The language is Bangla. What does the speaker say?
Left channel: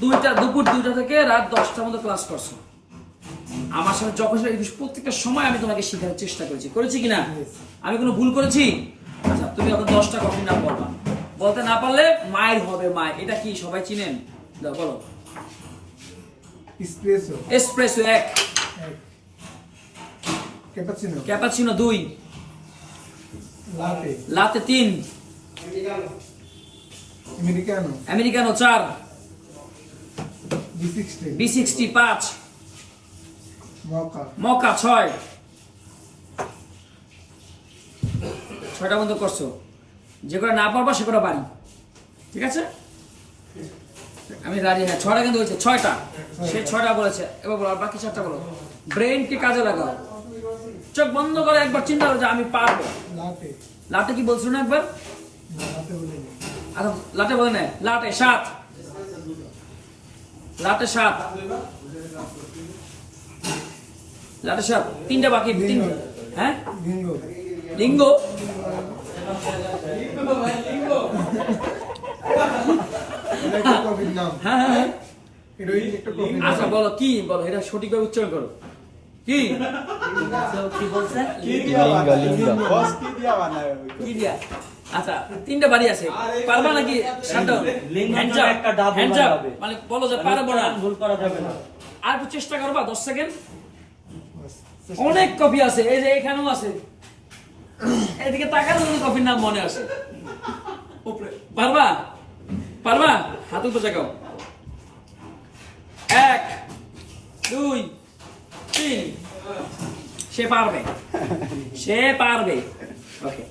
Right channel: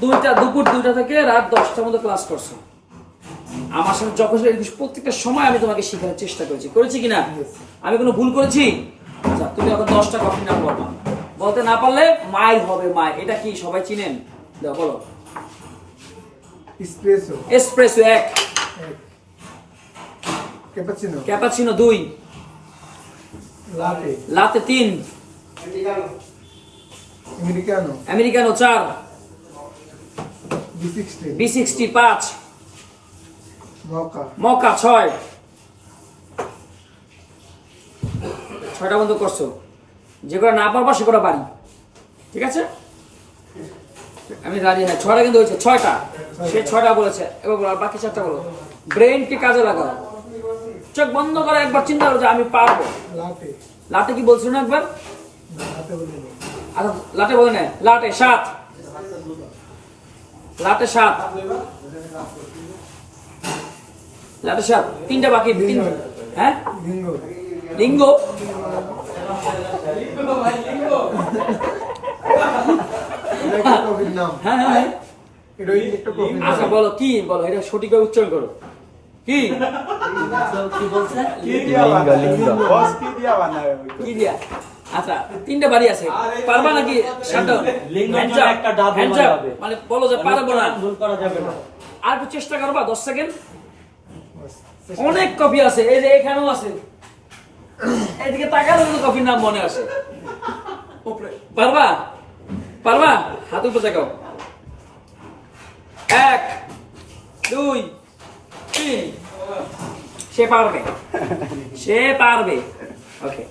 দুপুর 2টা থেকে রাত 10টার মধ্যে ক্লাস করছো। আমার সাথে যখন প্রত্যেকটা সময় আমি তোমাকে শেখানোর চেষ্টা করেছি কিনা? আমি কোনো ভুল করেছি? আচ্ছা, তুমি এখন 10টা কফির নাম বলবা। বলতে না পারলে মায়ের হবে, মায়ের। এটা কি সবাই চিনেন? বলো। Espresso. Espresso 1, cappuccino. Cappuccino 2, লাটে। লাতে 3, Americano. Americano 4, B60, B60 5, মকা। মকা 6। 6টা বন্ধ করছো। যে করে না পারবা সে করে বাড়ি। ঠিক আছে? আমি জানি না 6টা কিন্তু হয়েছে 6টা। সে 6টা বলেছে। এবার বলো আর বাকি 4টা বলো। ব্রেনকে কাজে লাগাও। চোখ বন্ধ করে একবার চিন্তা করো যে আমি পারবো। লাটে। লাটে কি বলছো না একবার? লাটে বলিনি। আচ্ছা, লাটে বলে না। লাটে 7, লাটে 7, লাটে 7। 3টা বাকি। 3। হ্যাঁ, লিঙ্গো। লিঙ্গো। এটা একটা কফির নাম। হ্যাঁ হ্যাঁ হ্যাঁ। এটা একটা কফির নাম। আচ্ছা বলো কি, বলো এটা সঠিকভাবে উচ্চারণ করো। কি কি দিয়া? আচ্ছা, 3টা বাড়ি আছে, পারবা নাকি? মানে বলো যে পারবো না। আর একটু চেষ্টা করবা, 10 সেকেন্ড। অনেক কফি আছে, এই যে এখানেও আছে। এদিকে তাকালে কিন্তু কফির নাম মনে আসে। পারবা? পারবা? হাত উপরে জাগাও। 1 2 3। সে পারবে, সে পারবে। ওকে।